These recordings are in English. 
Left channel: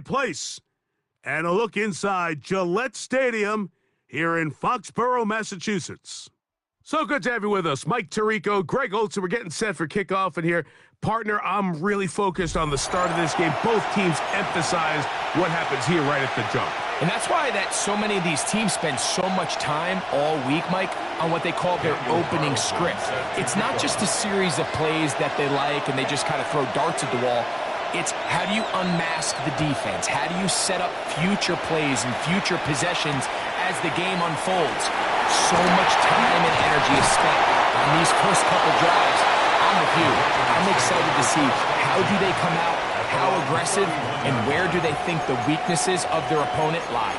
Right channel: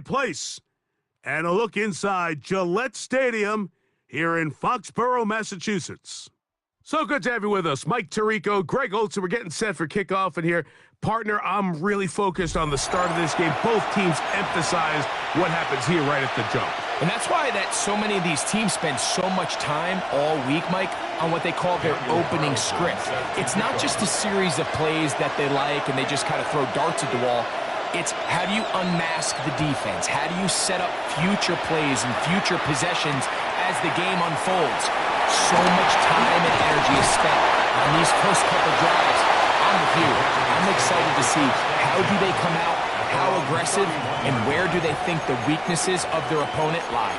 place. And a look inside Gillette Stadium here in Foxborough, Massachusetts. So good to have you with us. Mike Tirico, Greg Olson. We're getting set for kickoff. And here, partner, I'm really focused on the start of this game. Both teams emphasize what happens here right at the jump. And that's why so many of these teams spend so much time all week, Mike, on what they call their opening script. It's not just a series of plays that they like and they just kind of throw darts at the wall. It's how do you unmask the defense? How do you set up future plays and future possessions as the game unfolds? So much time and energy is spent on these first couple drives. I'm with you. I'm excited to see how do they come out, how aggressive, and where do they think the weaknesses of their opponent lie.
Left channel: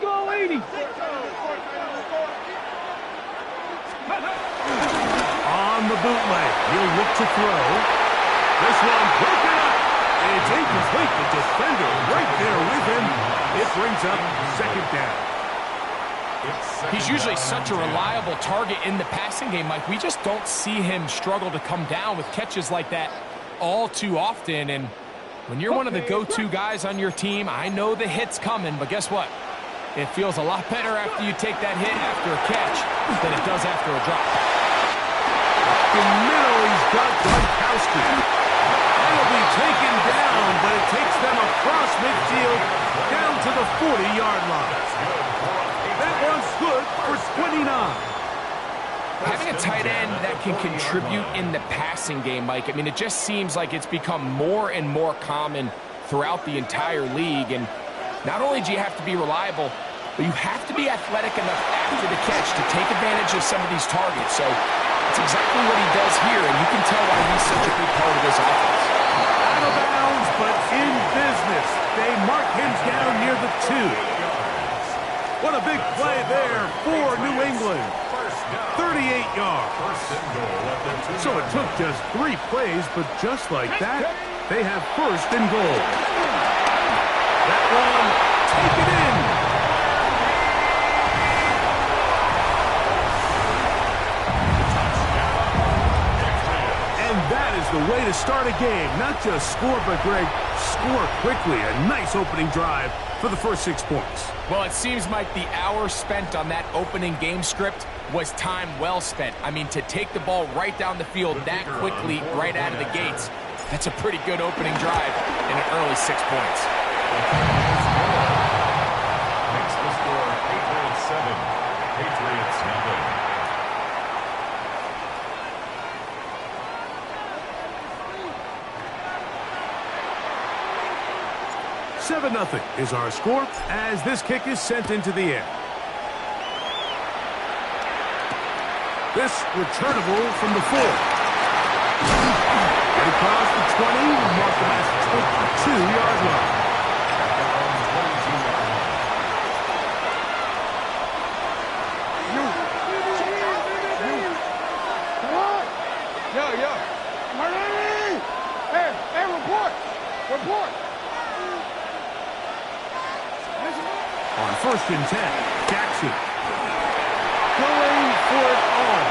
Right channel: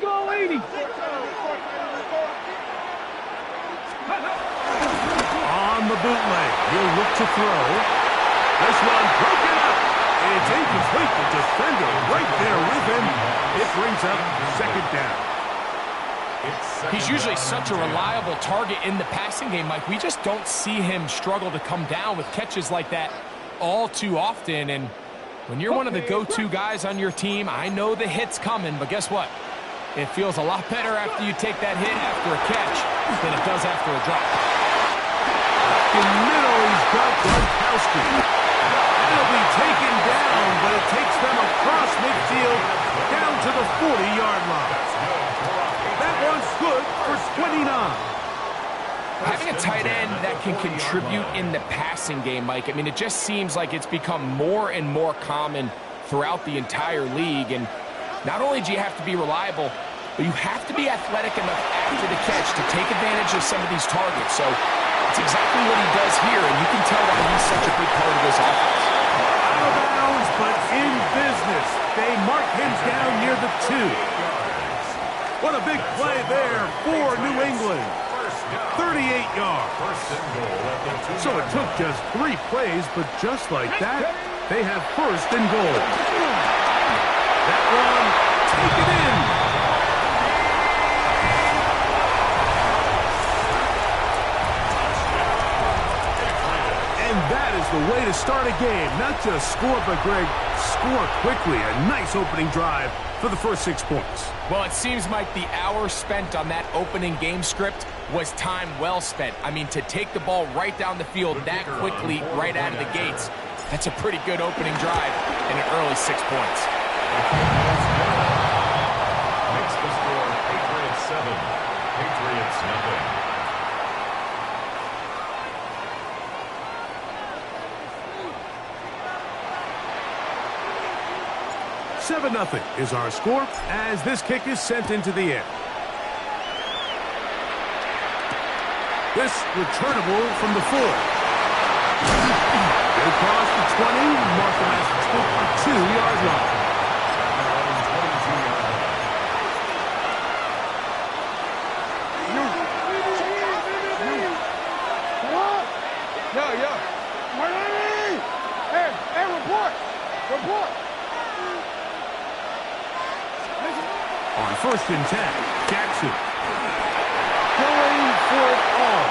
Go 80. On the bootleg, he'll look to throw. This one broken up. It's incomplete. The defender right there with him. It brings up second down. He's usually such a reliable target in the passing game, Mike. We just don't see him struggle to come down with catches like that all too often. And when you're one of the go-to guys on your team, I know the hit's coming, but guess what? It feels a lot better after you take that hit after a catch than it does after a drop. In the middle, he's got Gronkowski. It'll be taken down, but it takes them across midfield down to the 40-yard line. That one's good for 29. Having a tight end that can contribute in the passing game, Mike, I mean, it just seems like it's become more and more common throughout the entire league. And not only do you have to be reliable, but you have to be athletic enough after the catch to take advantage of some of these targets. So it's exactly what he does here, and you can tell why he's such a big part of this offense. Out of bounds, but in business. They mark him down near the 2. What a big play there for New England. 38 yards. So it took just 3 plays, but just like that, they have first and goal. That one, take it in. And that is the way to start a game. Not just score, but, Greg, score quickly. A nice opening drive for the first 6 points. Well, it seems like the hour spent on that opening game script was time well spent. I mean, to take the ball right down the field that quickly right out of the gates, that's a pretty good opening drive and an early 6 points. Makes the score Patriots 7, Patriots nothing. Nothing is our score as this kick is sent into the air. This returnable from the 4. Get across the 20, mark them at the 22-yard line. At their own 22-yard line. Yo. Hey, report. On first and 10, Jackson going for it all.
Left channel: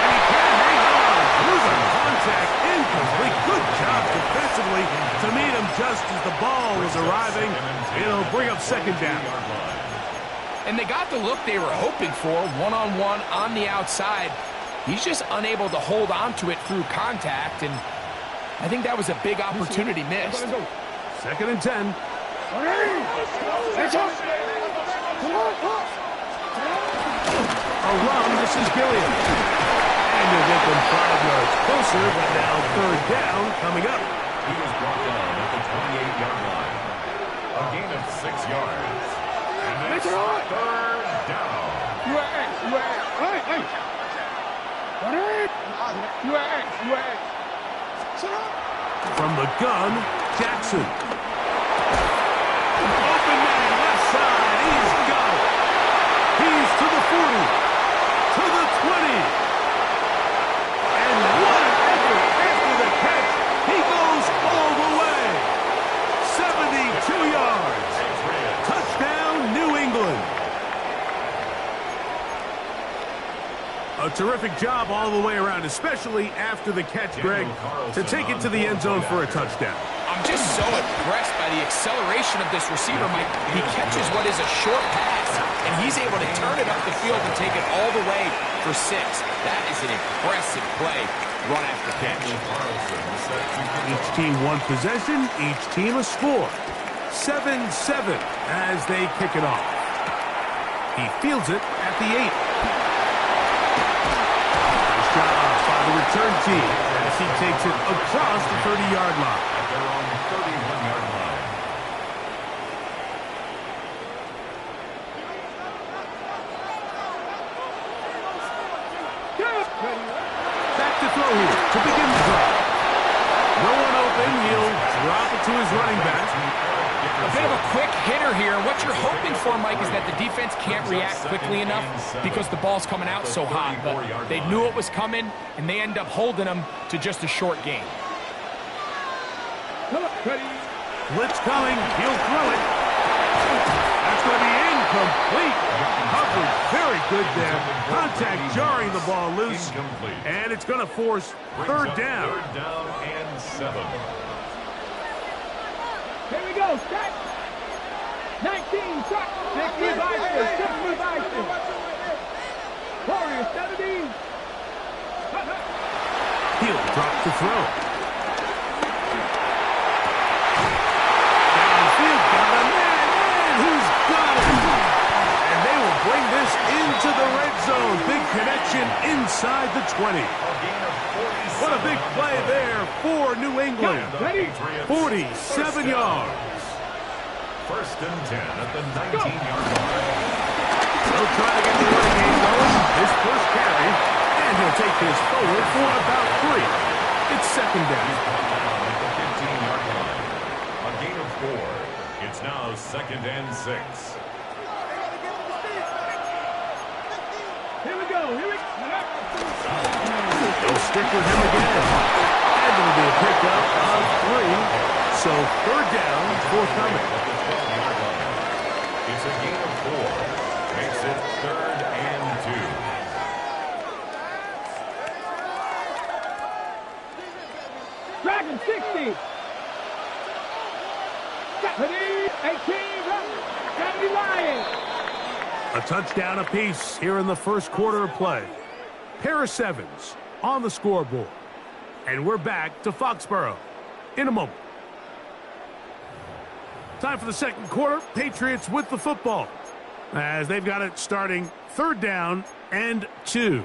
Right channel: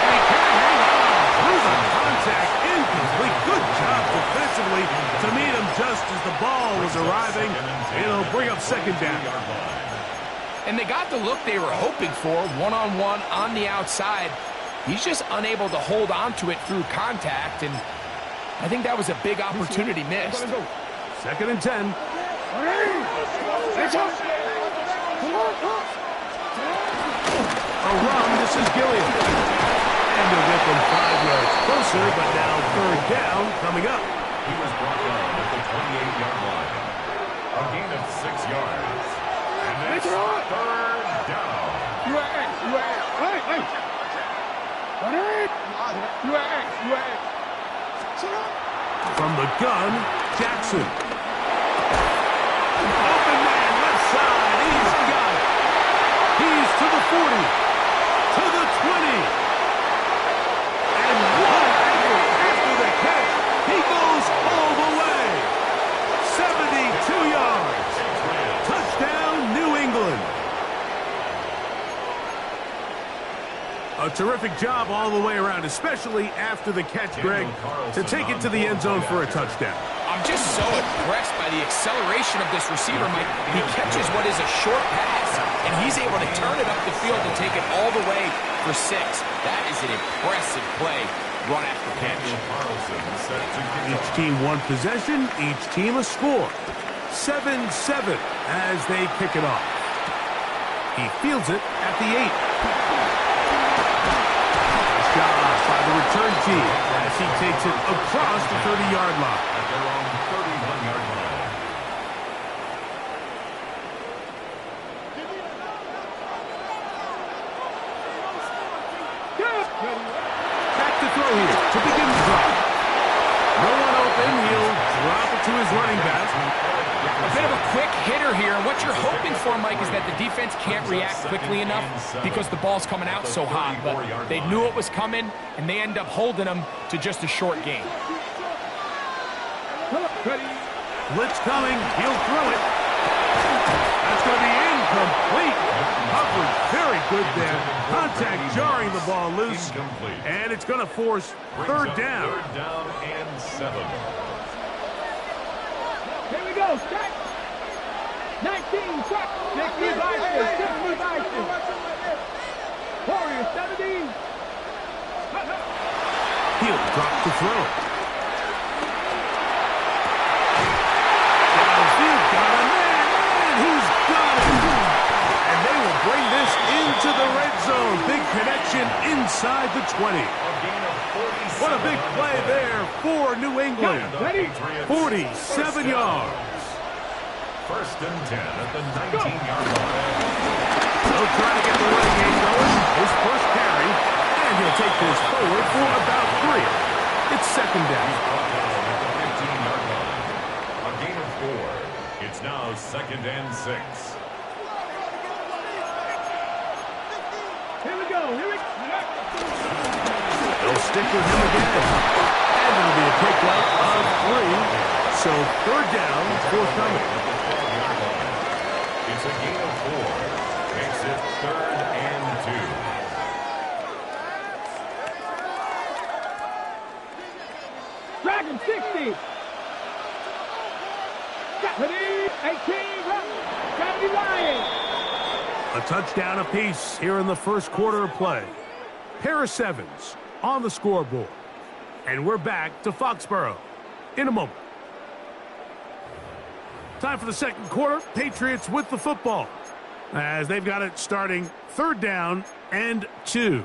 And he can't hang on through the contact. Incomplete. Good job defensively to meet him just as the ball was arriving. It'll bring up second down. And they got the look they were hoping for, one-on-one on the outside. He's just unable to hold on to it through contact, and I think that was a big opportunity missed. Second and 10. A run, this is Gilliam. And he'll get them 5 yards closer, but now third down coming up. He was brought down at the 28-yard line. A gain of 6 yards. And it's third down. From the gun, Jackson. Open man, left side. He's got it. He's to the 40, to the 20. And what an effort after the catch. He goes all the way. 7 A terrific job all the way around, especially after the catch, Greg, to take it to the end zone for a touchdown. I'm just so impressed by the acceleration of this receiver, Mike. He catches what is a short pass, and he's able to turn it up the field and take it all the way for 6. That is an impressive play, run after catch. Each team one possession, each team a score. 7-7 as they kick it off. He fields it at the 8. Nice job by the return team as he takes it across the 30-yard line. At their own 31-yard line. Back to throw here to begin the drive. No one open. He'll drop it to his running back. A bit of a quick hitter here, and what you're hoping for, Mike, is that the defense can't react quickly enough because the ball's coming out so hot. But they knew it was coming, and they end up holding them to just a short gain. Blitz coming. He'll throw it. That's going to be incomplete. Coverage very good there. Contact jarring the ball loose. And it's going to force third down. Third down and 7. Here we go, start. 19, shot. 60 by 60 Warriors, 17. He'll drop the throw. Downfield, got a man, and he's got it. And they will bring this into the red zone. Big connection inside the 20. What a big play there for New England. 47 yards. First and 10 at the 19-yard line. He'll try to get the running game going. His first carry, and he'll take this forward for about 3. It's second down. He's brought down at the 15-yard line. A gain of 4. It's now second and 6. Here we go, They'll stick with him again. And it'll be a pickup of 3. So third down, forthcoming. At the 12-yard line. It's a gain of 4. Makes it third and 2. Dragon 60. 18, Gravity Lion. A touchdown apiece here in the first quarter of play. Pair of 7s on the scoreboard. And we're back to Foxborough in a moment. Time for the second quarter. Patriots with the football as they've got it starting third down and 2.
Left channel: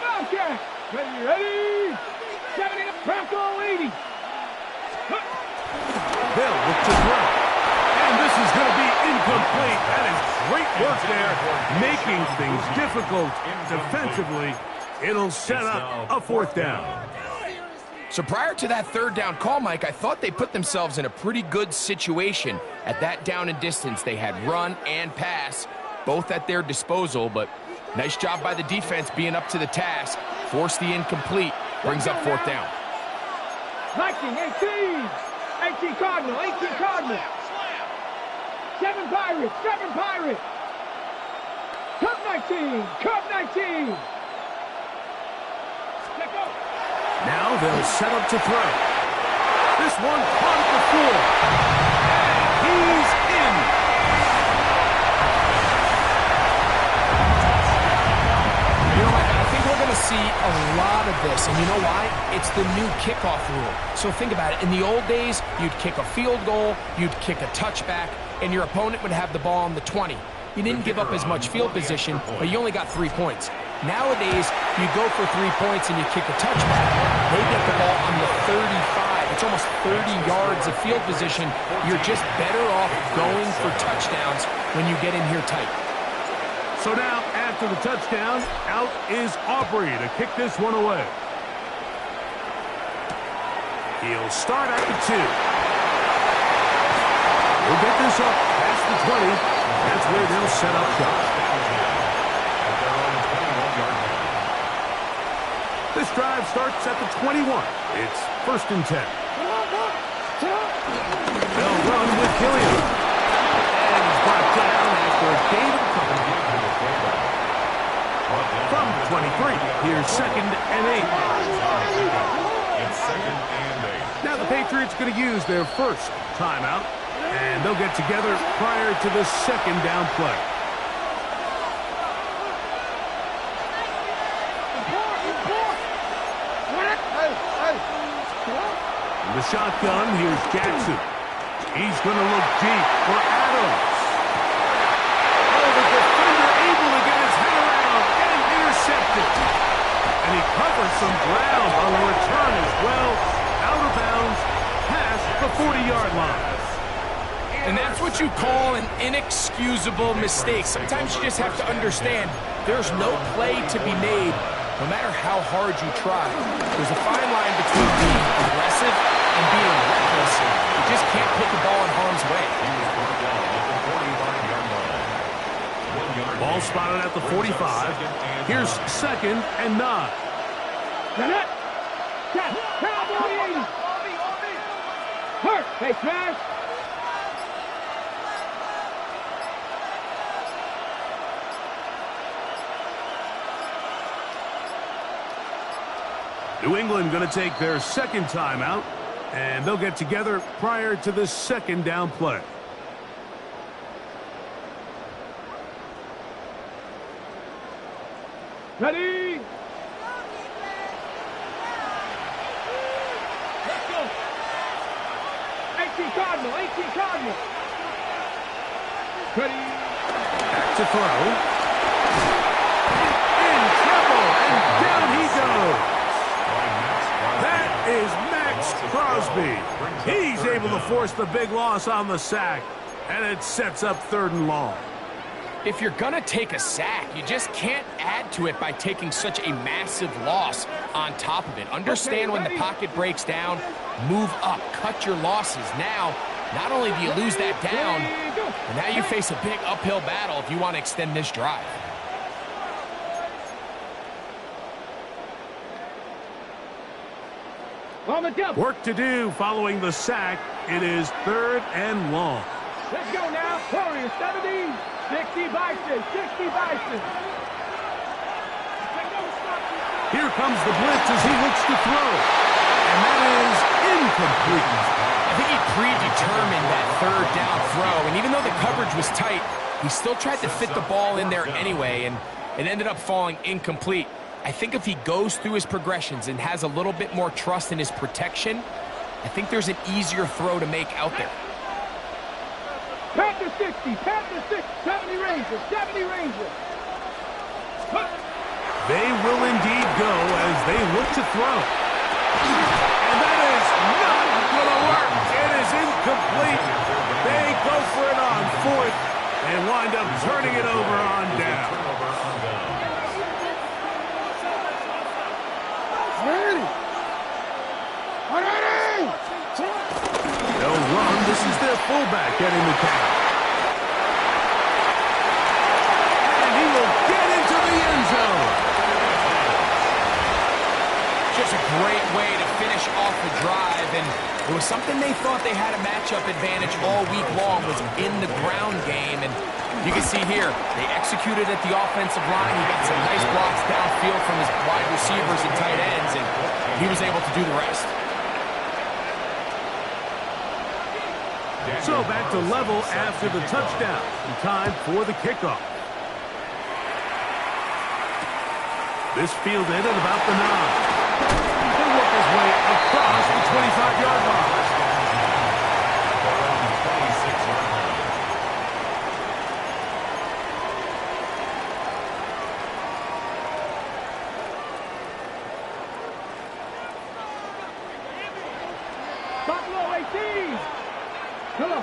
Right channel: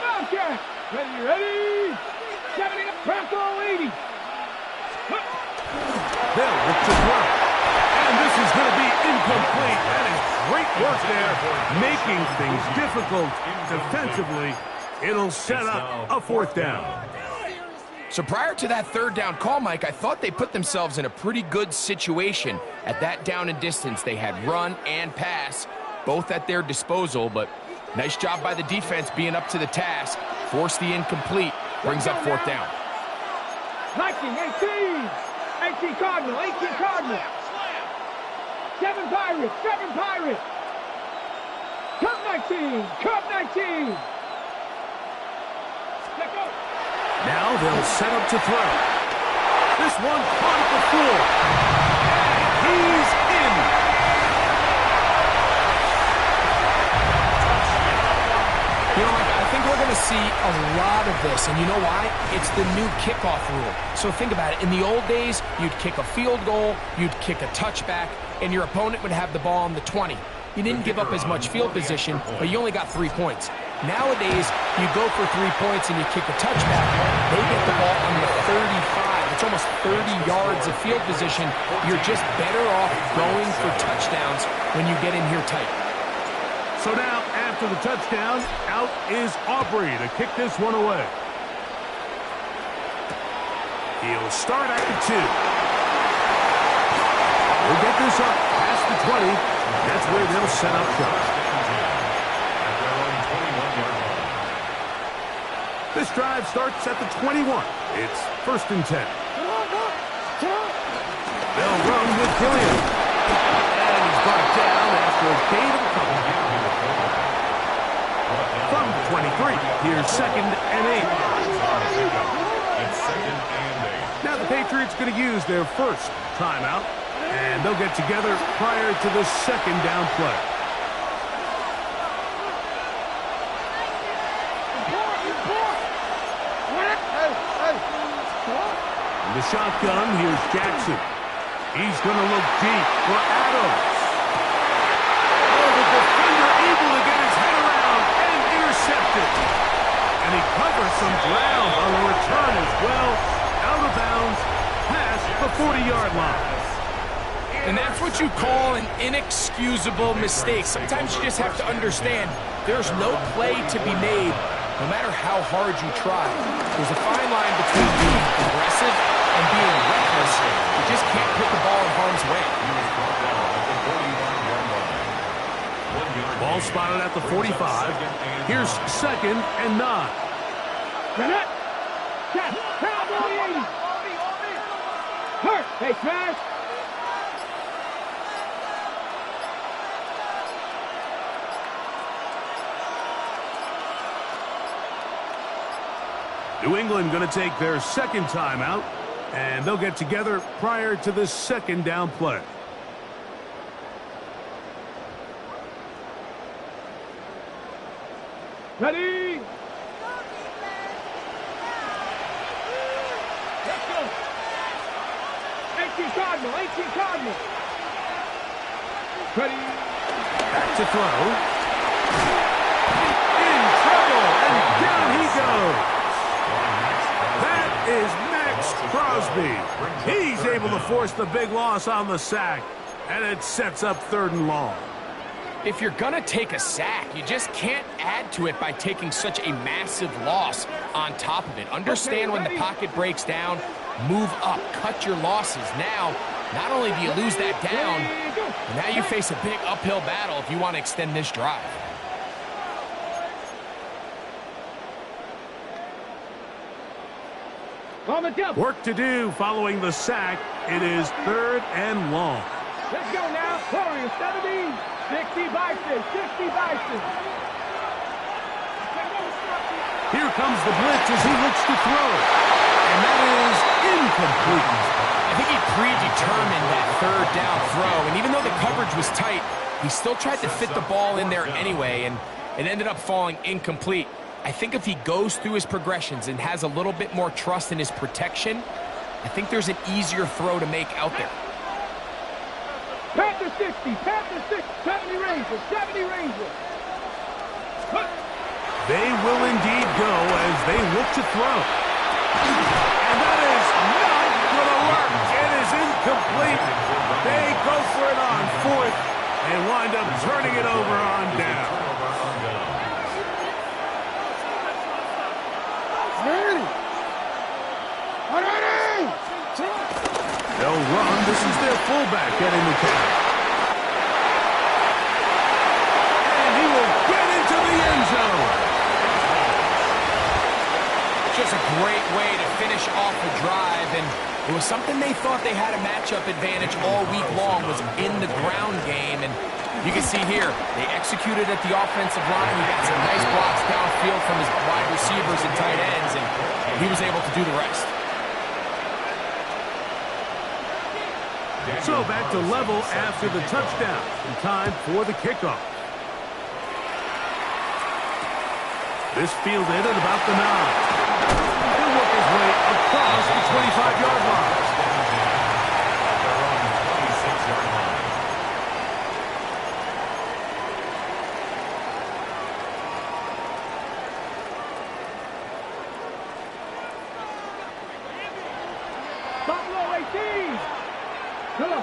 Bobcat. Ready. 70, Bronco 80. They'll look to throw. And this is going to be incomplete. That is great work there, making things difficult defensively. It'll set up a fourth down. So prior to that third down call, Mike, I thought they put themselves in a pretty good situation. At that down and distance, they had run and pass, both at their disposal, but nice job by the defense being up to the task. Force the incomplete, brings up fourth down. Viking, 18. 18 Cardinal, 18 Cardinal. 7 Pirates. Cup 19. Let's go. Now they'll set up to throw. This one caught at the floor. And he's in. You know, Mike, I think we're going to see a lot of this, and you know why? It's the new kickoff rule. So think about it. In the old days, you'd kick a field goal, you'd kick a touchback, and your opponent would have the ball on the 20. You didn't give up as much field position, but you only got 3 points. Nowadays, you go for 3 points and you kick a touchback. They get the ball on the 35. It's almost 30 yards of field position. You're just better off going for touchdowns when you get in here tight. So now, after the touchdown, out is Aubrey to kick this one away. He'll start at the 2. He'll get this up past the 20. That's where they'll set up shop. At their own 21-yard line. This drive starts at the 21. It's 1st and 10. They'll run with Killian. And he's brought down after a gain of a couple. From the 23, here's 2nd and 8. It's 2nd and 8. Now the Patriots going to use their first timeout, and they'll get together prior to the 2nd down play. In the shotgun, here's Jackson. He's going to look deep for Adams. Oh, the defender able to get his head around and intercepted. And he covers some ground on the return as well. Out of bounds, past the 40-yard line. And that's what you call an inexcusable mistake. Sometimes you just have to understand there's no play to be made, no matter how hard you try. There's a fine line between being aggressive and being reckless. You just can't put the ball in harm's way. He was brought down at the 45-yard line. 1 yard Ball gain. spotted at the 45. Here's 2nd and 9. Get it! Check! Cowboy 80! Hurt! Hey, Smash! New England going to take their 2nd timeout, and they'll get together prior to the 2nd down play. Ready? Let's go! 18 Cardinal! 18 Cardinal! Ready? Back to throw. In trouble, and down he goes. That is Max Crosby. He's able to force the big loss on the sack, and it sets up 3rd and long. If you're going to take a sack, you just can't add to it by taking such a massive loss on top of it. Understand when the pocket breaks down, move up, cut your losses. Now, not only do you lose that down, but now you face a big uphill battle if you want to extend this drive. On the double! Work to do following the sack. It is 3rd and long. Let's go now! Warriors 70! 60 Bison! 60 Bison! Here comes the blitz as he looks to throw. And that is incomplete. I think he predetermined that 3rd down throw, and even though the coverage was tight, he still tried to fit the ball in there anyway, and it ended up falling incomplete. I think if he goes through his progressions and has a little bit more trust in his protection, I think there's an easier throw to make out there. Panther 60! Panther 60! 70 Rangers! 70 Rangers! They will indeed go as they look to throw. And that is not going to work. It is incomplete. They go for it on 4th and wind up turning it over on down. They'll run. This is their fullback getting the count. And he will get into the end zone. Just a great way to finish off the drive, and it was something they thought they had a matchup advantage all week long, was in the ground game, and you can see here, they executed at the offensive line. He got some nice blocks downfield from his wide receivers and tight ends, and he was able to do the rest. So back to level after the touchdown. In time for the kickoff. This fielded at about the 9. He'll work his way across the 25-yard line. At their own 26-yard line. Buffalo 18! Hello.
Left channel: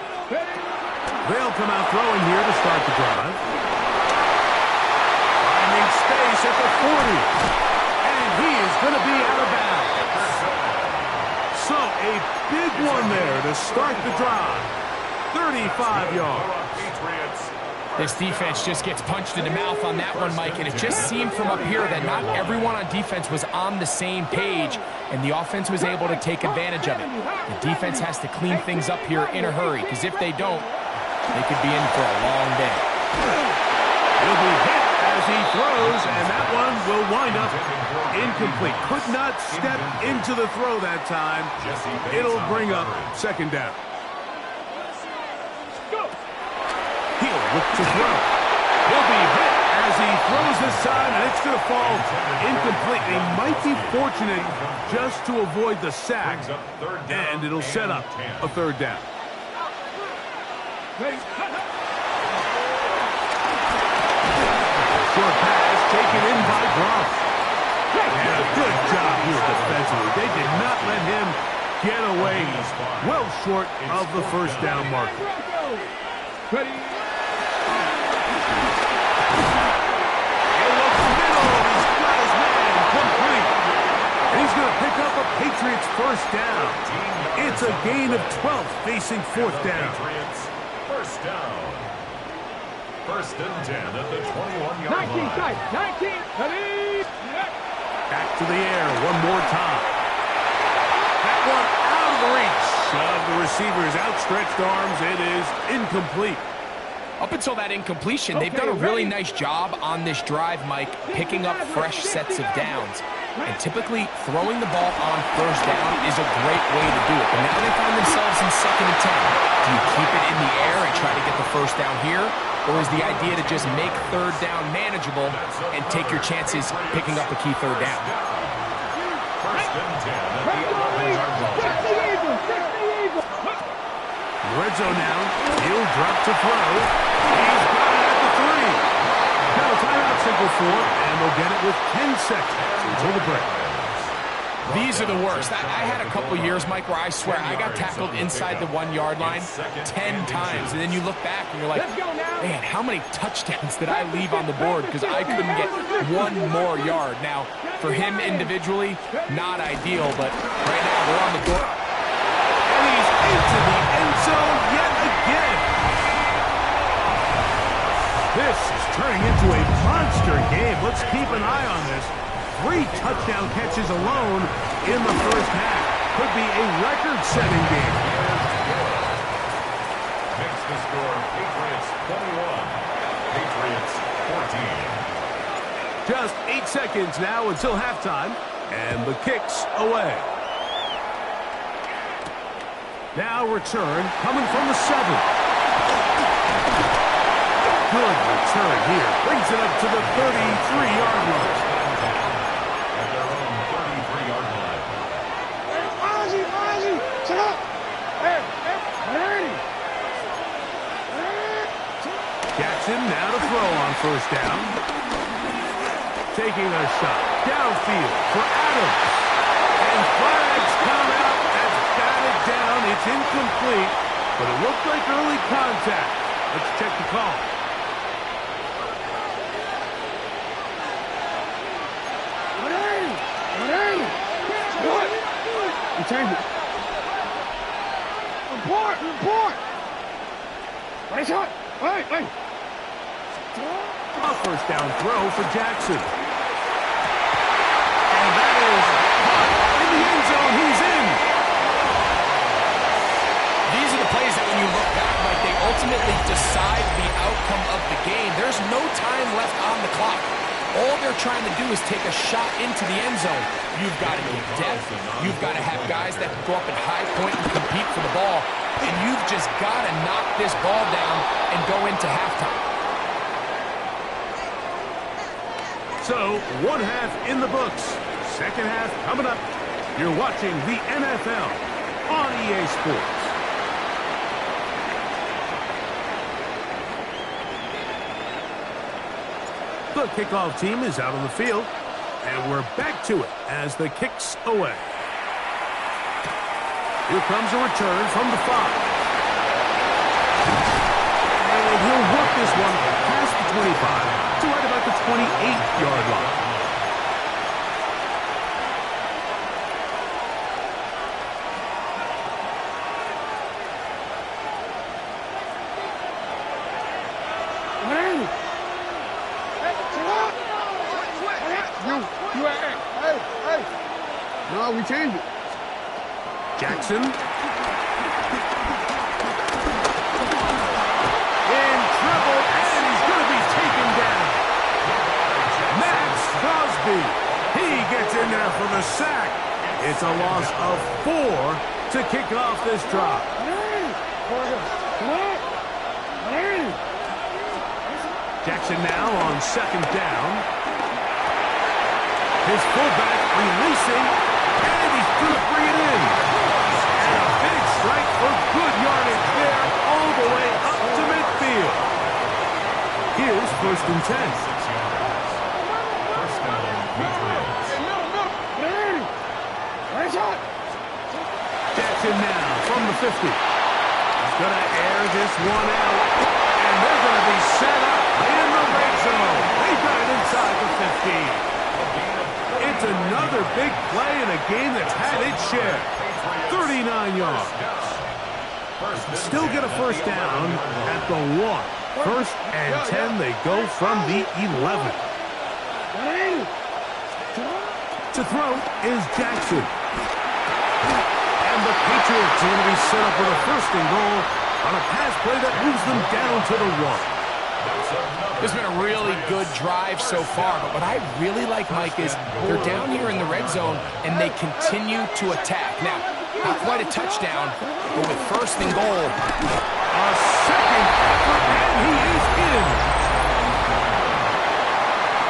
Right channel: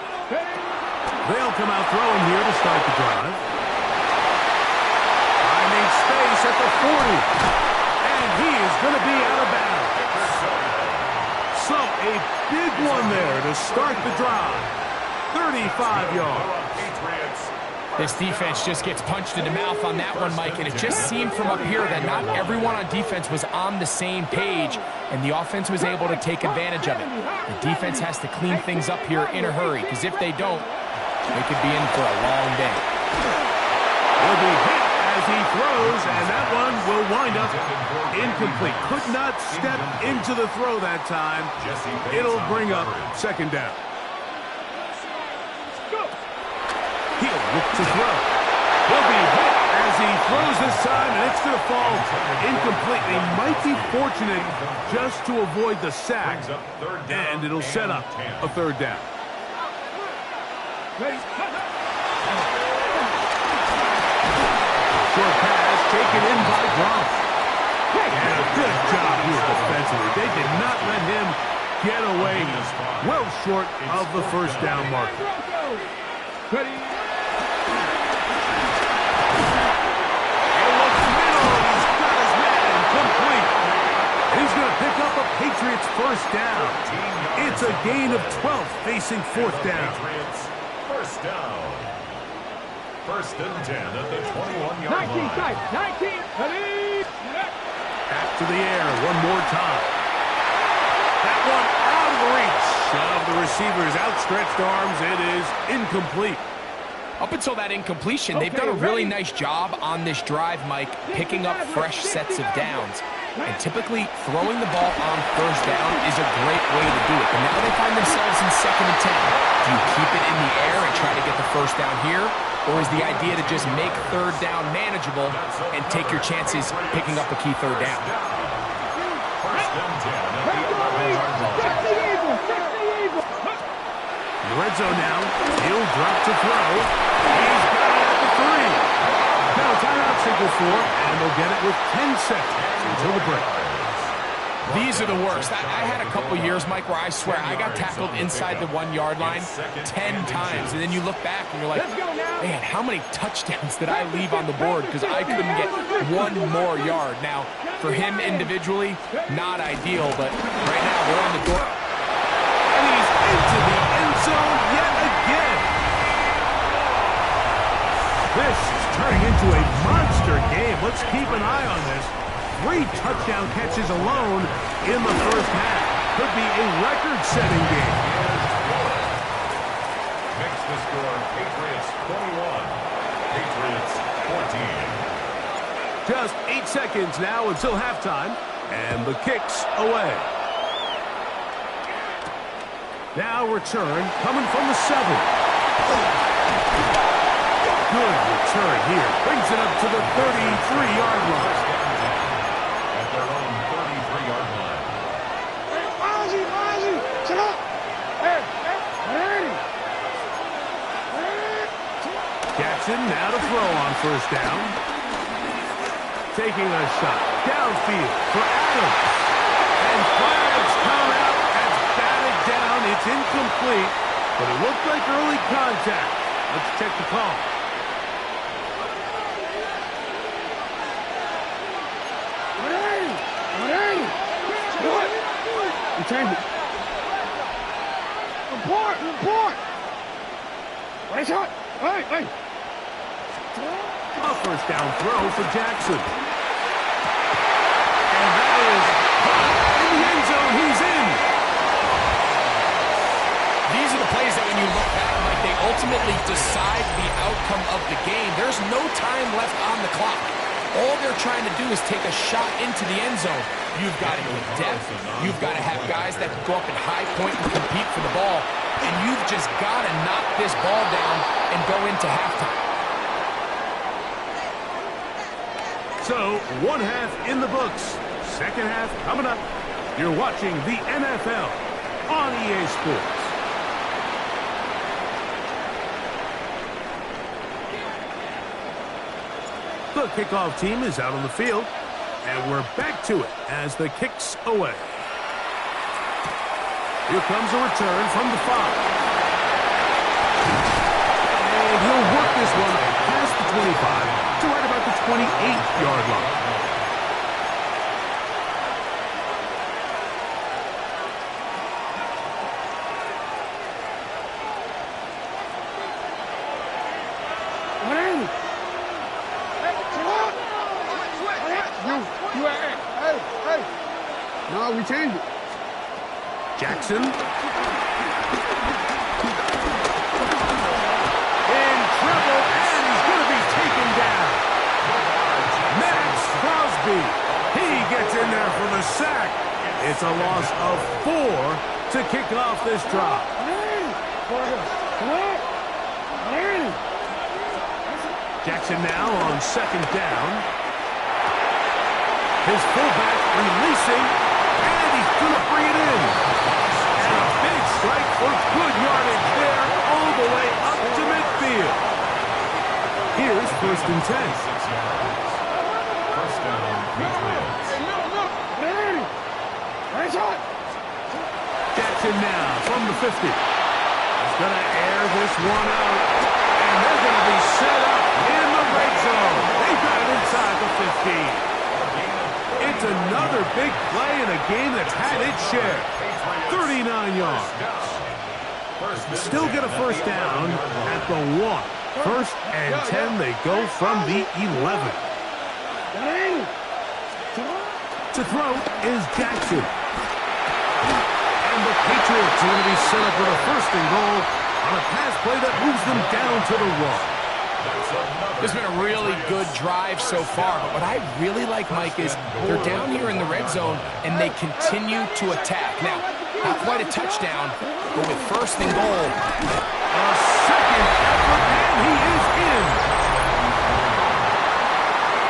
They'll come out throwing here to start the drive. Finding space at the 40. And he is going to be out of bounds. So a big one there to start the drive. 35 yards. Patriots. This defense just gets punched in the mouth on that one, Mike, and it just seemed from up here that not everyone on defense was on the same page, and the offense was able to take advantage of it. The defense has to clean things up here in a hurry, because if they don't, they could be in for a long day. He'll be hit as he throws, and that one will wind up incomplete. Could not step into the throw that time. It'll bring up second down. He'll look to throw. He'll be hit as he throws this time, and it's going to fall incomplete. He might be fortunate just to avoid the sack, and it'll set up a third down. Short pass taken in by Gronk. And a good job here defensively. They did not let him get away well short of the first down marker. Ready? He'll look middle, and he's got his man complete. And he's going to pick up a Patriots first down. It's a gain of 12 facing fourth down. First down. First and 10 at the 21-yard 19 line. tight. 19. Ready? Back to the air one more time. That one out of the reach of the receiver's outstretched arms. It is incomplete. Up until that incompletion, they've done a really nice job on this drive, Mike, picking up fresh sets of downs. And typically, throwing the ball on first down is a great way to do it. But now they find themselves in 2nd and 10. Do you keep it in the air and try to get the first down here? Or is the idea to just make third down manageable and take your chances picking up a key third down? First and 10 at the 11-yard line. In the red zone now. He'll drop to throw. He's got it at the 3. Now a timeout signal for, and they'll get it with 10 seconds until the break. These are the worst. I had a couple years, Mike, where I swear I got tackled inside the 1-yard line 10 times. And then you look back and you're like, man, how many touchdowns did I leave on the board because I couldn't get one more yard? Now, for him individually, not ideal, but right now they're on the door. And he's into the end zone yet again. This is turning into a monster game. Let's keep an eye on this. 3 touchdown catches alone in the first half. Could be a record-setting game. Makes the score Patriots 21, Patriots 14. Just 8 seconds now until halftime, and the kick's away. Now return coming from the 7. Good return here. Brings it up to the 33-yard line. At their own 33-yard line. Jackson now to throw on first down. Taking a shot downfield for Adams. And flags come out. That's batted down. It's incomplete, but it looked like early contact. Let's check the call. Change it. Report. Right shot. Hey. A first down throw for Jackson. And that is caught in the end zone. He's in. These are the plays that when you look back, Mike, they ultimately decide the outcome of the game. There's no time left on the clock. All they're trying to do is take a shot into the end zone. You've got to get depth. You've got to have guys that can go up at high point and compete for the ball. And you've just got to knock this ball down and go into halftime. So, one half in the books. Second half coming up. You're watching the NFL on EA Sports. The kickoff team is out on the field, and we're back to it as the kick's away. Here comes a return from the 5. And he'll work this one past the 25 to right about the 28-yard line. No, we changed it. Jackson. In trouble, and he's going to be taken down. Max Crosby. He gets in there for the sack. It's a loss of 4 to kick off this drive. Jackson now on second down. His fullback releasing, and he's going to bring it in. And a big strike for good yardage there all the way up to midfield. Here's 1st and 10. 6 yards. First down, Patriots. Jackson now from the 50. He's going to air this one out. And they're going to be set up in the red zone. They got it inside the 15. It's another big play in a game that's had its share. 39 yards. Still get a first down at the 1. 1st and 10, they go from the 11. To throw is Jackson. And the Patriots are going to be set up with a 1st and goal on a pass play that moves them down to the 1. It's been a really good drive so far, but what I really like, Mike, is they're down here in the red zone, and they continue to attack. Now, not quite a touchdown, but with 1st and goal. A second effort, and he is in.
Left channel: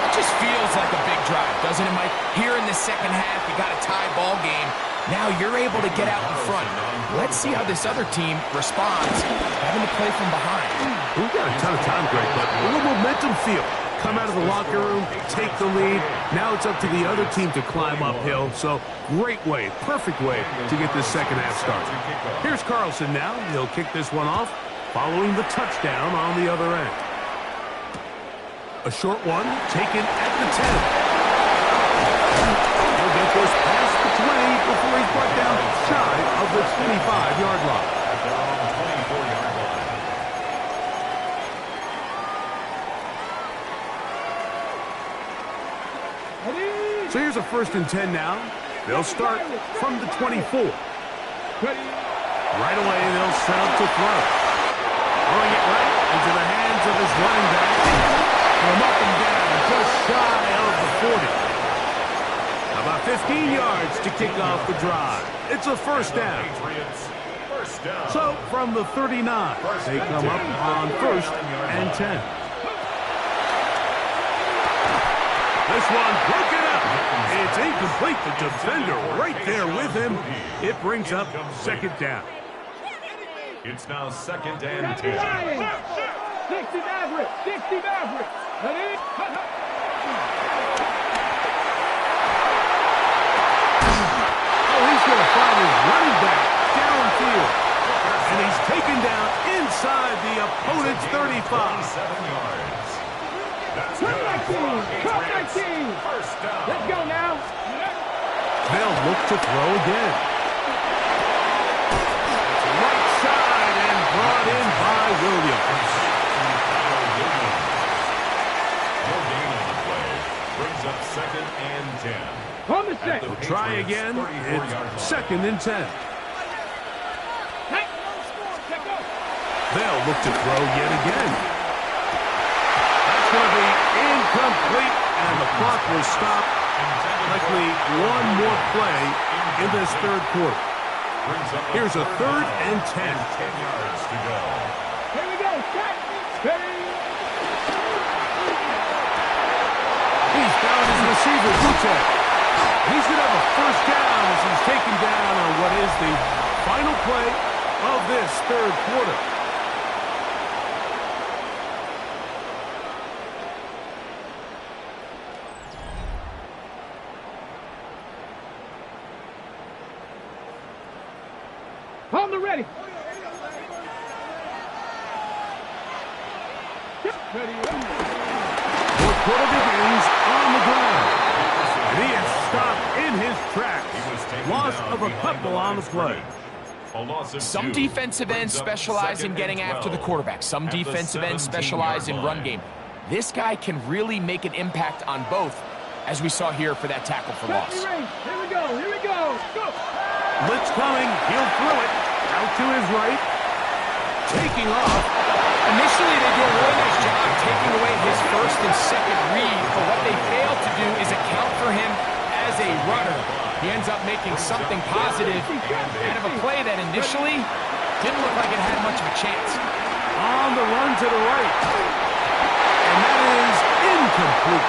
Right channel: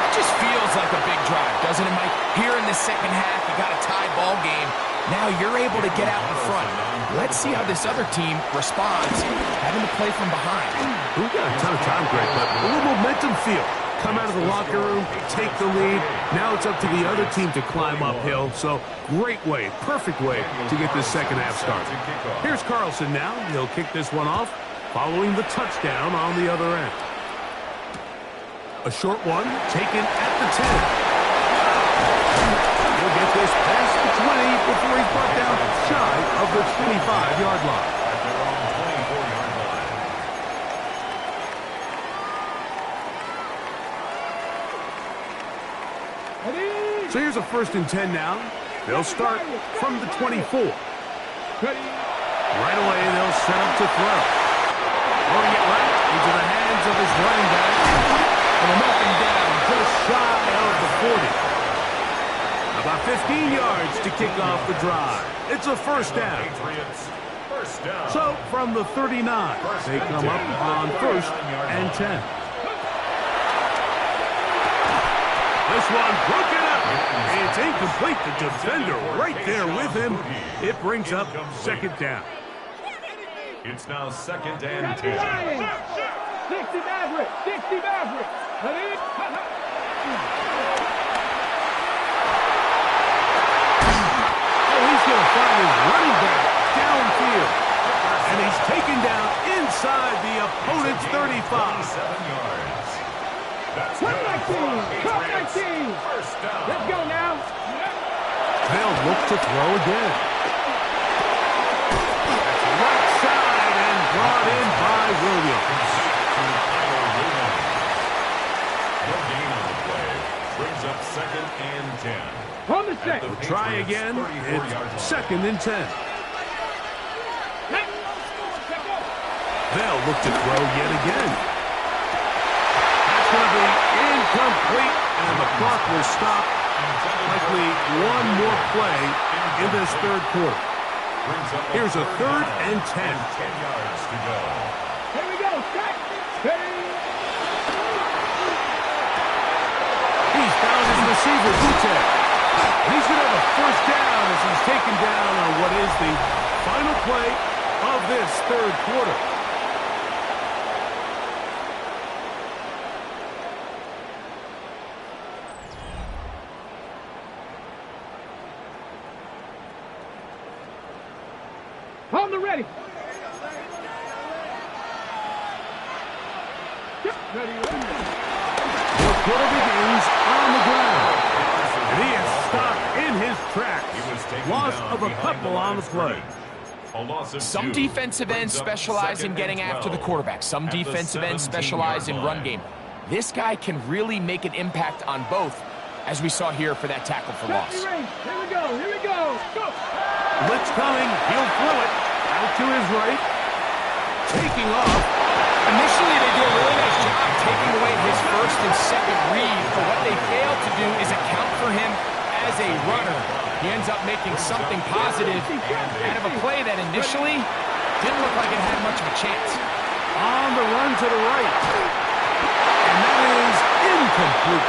It just feels like a big drive, doesn't it, Mike? Here in the second half, you got a tie ball game. Now you're able to get out in front. Let's see how this other team responds, having to play from behind. We've got a ton of time, Greg, but a little momentum feel. Come out of the locker room, take the lead. Now it's up to the other team to climb uphill. So great way, perfect way to get this second half started. Here's Carlson now. He'll kick this one off following the touchdown on the other end. A short one taken at the 10. He'll get this past the 20 before he's brought down shy of the 25-yard line. At their own 24-yard line. So here's a 1st and 10 now. They'll start from the 24. Right away, they'll set up to throw. Throwing it right into the hands of his running back. And I'm up and down, just shy of the 40. About 15 yards to kick off the drive. It's a 1st down. So from the 39, they come up on 1st and 10. This one broken up. It's incomplete. The defender right there with him. It brings up 2nd down. It's now 2nd and 10. 60 Maverick. 60 Maverick. He's going to find his running back downfield. And he's taken down inside the opponent's 35. 27 yards. That's Cut good. 19. First down. Let's go now. They'll look to throw again. That's right side and brought in by Williams. No gain on the play. Brings up 2nd and 10. On the set. They'll try again. It's 2nd and 10. They'll look to throw yet again. That's going to be incomplete, and the clock will stop. Likely one more play in this 3rd quarter. Here's a 3rd and 10. 10 yards to go. Here we go. He's found his receiver, Butek. And he's going to have a 1st down as he's taken down on what is the final play of this 3rd quarter. On the ready. The quarter begins on the ground. And he is stopped in his tracks. Loss of a couple on the play. Some defensive ends specialize in getting after the quarterback. Some defensive ends specialize in run game. This guy can really make an impact on both. as we saw here for that tackle for loss. Here we go, here we go. Go. Blitz coming. He'll throw it. Out to his right. Taking off. Initially, they do a really nice job taking away his first and second read, but what they fail to do is account for him as a runner. He ends up making something positive out of a play that initially didn't look like it had much of a chance. On the run to the right. And that is incomplete.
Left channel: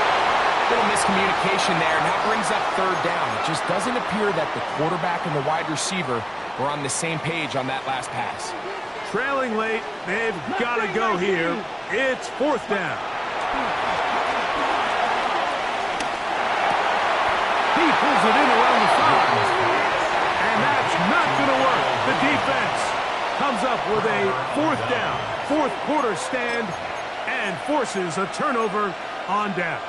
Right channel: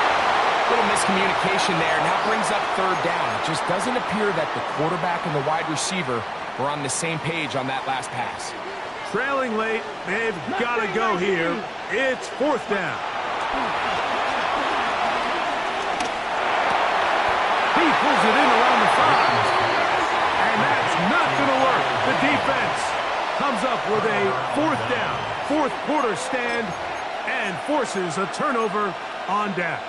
Little miscommunication there, and that brings up third down. It just doesn't appear that the quarterback and the wide receiver were on the same page on that last pass. Trailing late, they've got to go here. It's fourth down. He pulls it in around the 5. And that's not going to work. The defense comes up with a fourth down, fourth quarter stand, and forces a turnover on downs.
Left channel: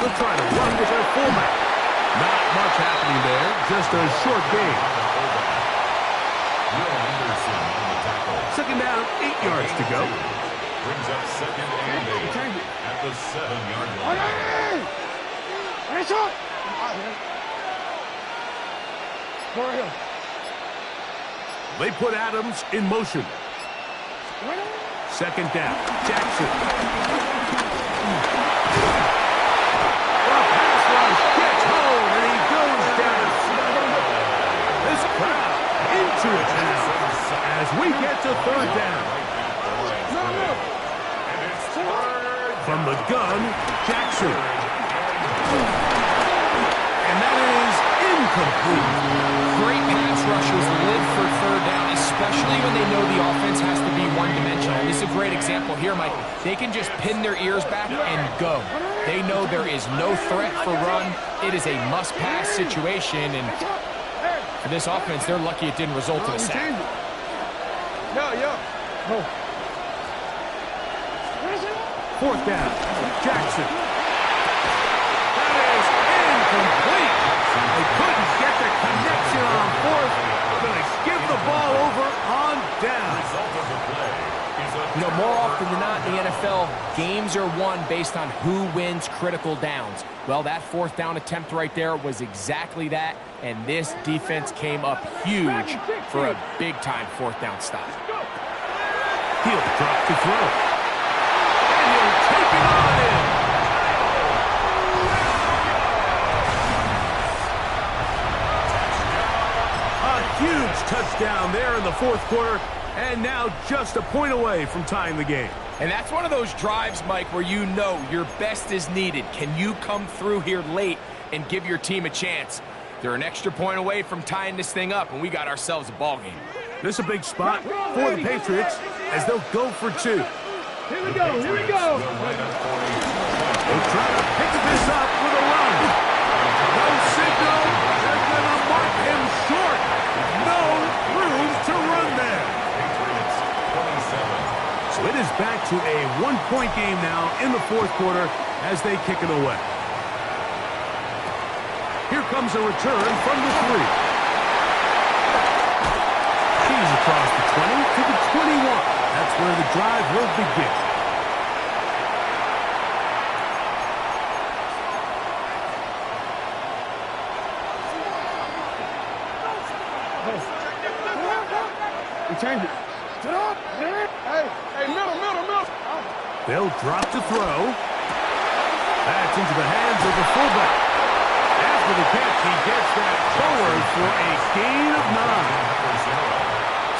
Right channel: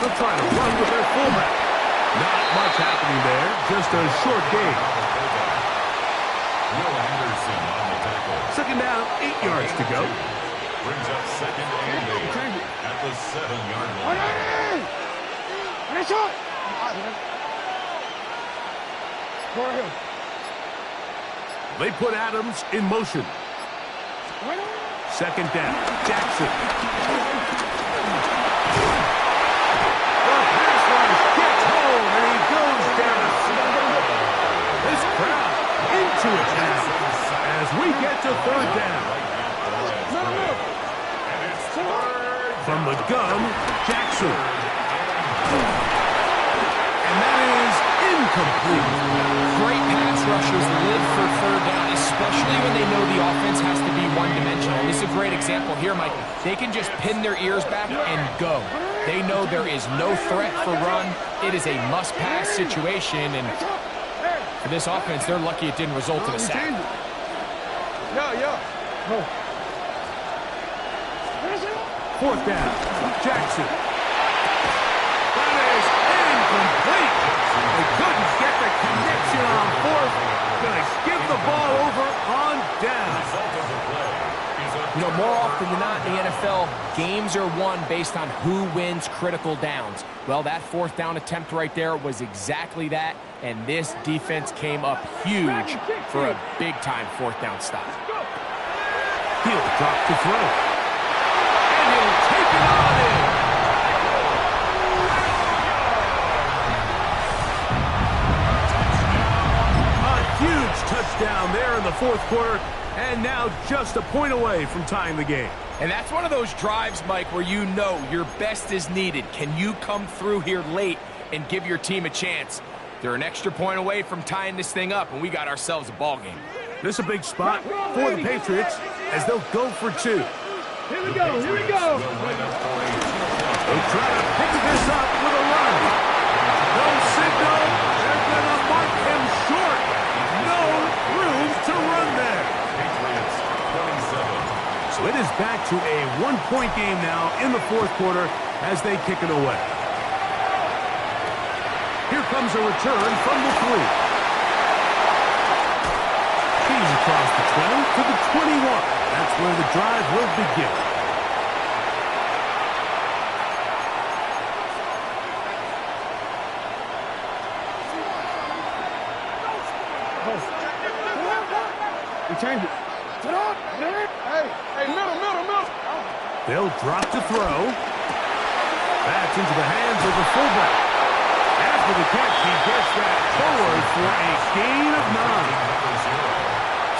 They're trying to run with their fullback. Not much happening there, just a short gain. Will Anderson on the tackle. Second down, 8 yards to go. Brings up second and 8 at the 7-yard line. They put Adams in motion. Second down, Jackson. The pass rush gets home, and he goes down. This crowd into it now as we get to third down. From the gun, Jackson. And that is incomplete. Great pass rushers live for third down, especially when they know the offense has to be one-dimensional. This is a great example here, Mike. They can just pin their ears back and go. They know there is no threat for run. It is a must-pass situation, and for this offense, they're lucky it didn't result in a sack. Fourth down, Jackson. That is incomplete. They couldn't get the connection on fourth. Going to give the ball over on down. You know, more often than not in the NFL, games are won based on who wins critical downs. Well, that fourth down attempt right there was exactly that, and this defense came up huge for a big-time fourth down stop. He'll drop to throw. And he'll take it on in. A huge touchdown there in the fourth quarter, and now just a point away from tying the game. And that's one of those drives, Mike, where you know your best is needed. Can you come through here late and give your team a chance? They're an extra point away from tying this thing up, and we got ourselves a ball game. This is a big spot for the Patriots as they'll go for 2. Here we go, here we go. They try to pick this up with a run. No signal. They're going to mark him short. No room to run there. Patriots 27. So it is back to a one-point game now in the fourth quarter as they kick it away. Here comes a return from the 3. He's across the 20 to the 21. That's where the drive will begin. We change it. Hey, middle. They'll drop to throw. That's into the hands of the fullback. After the catch, he gets that forward for a gain of 9.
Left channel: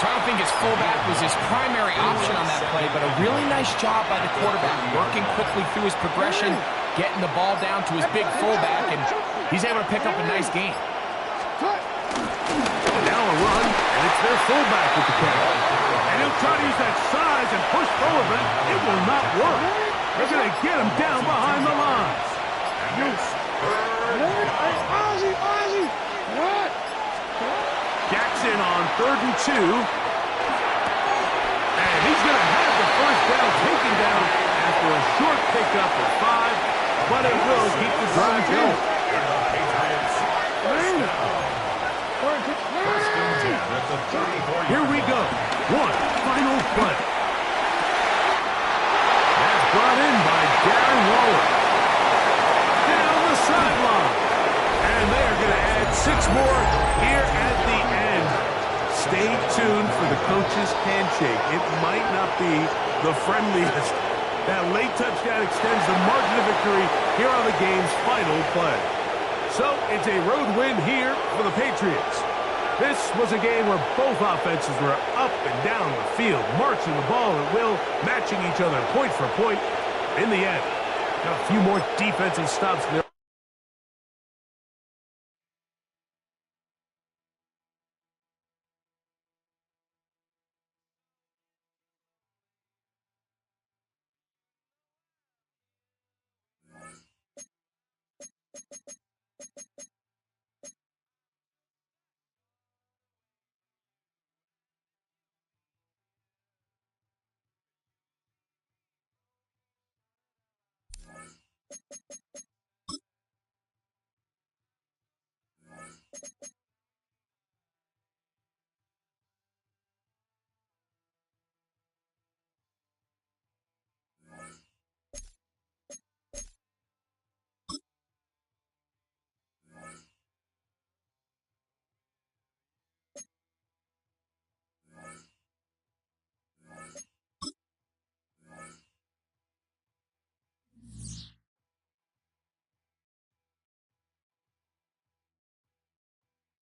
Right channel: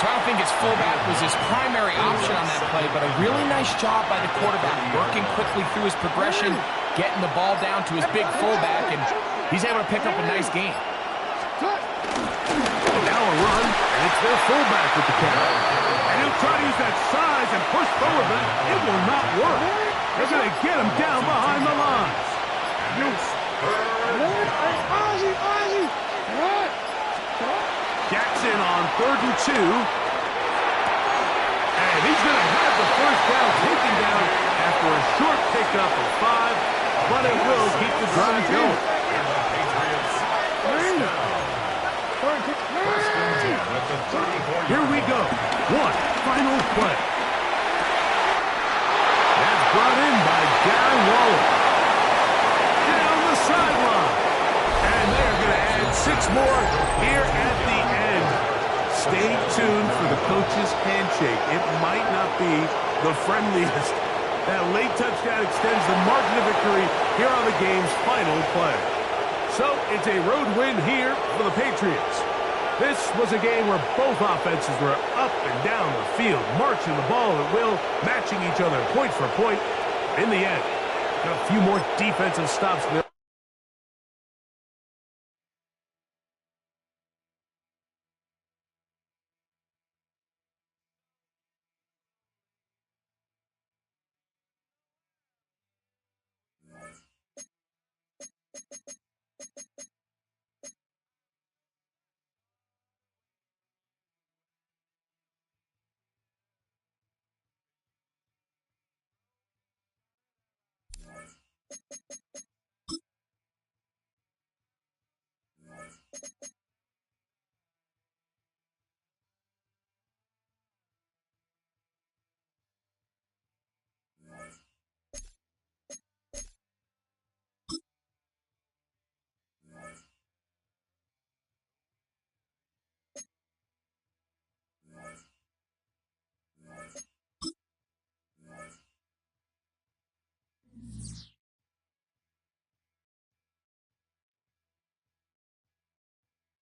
So I don't think his fullback was his primary option on that play, but a really nice job by the quarterback, working quickly through his progression, getting the ball down to his big fullback, and he's able to pick up a nice gain. Now a run, and it's their fullback with the catch. And he'll try to use that size and push forward, but it will not work. They're going to get him down behind the lines. Jackson on 3rd and 2. And he's going to have the first down taken down after a short pickup of 5, but it will keep the drive going. The Patriots First down. First and 10 at the 34-yard Here we go. One final play. That's brought in by Darren Waller. Down the sideline. And they are going to add 6 more here at the end. Stay tuned for the coach's handshake. It might not be the friendliest. That late touchdown extends the margin of victory here on the game's final play. So it's a road win here for the Patriots. This was a game where both offenses were up and down the field, marching the ball at will, matching each other point for point. In the end, got a few more defensive stops there.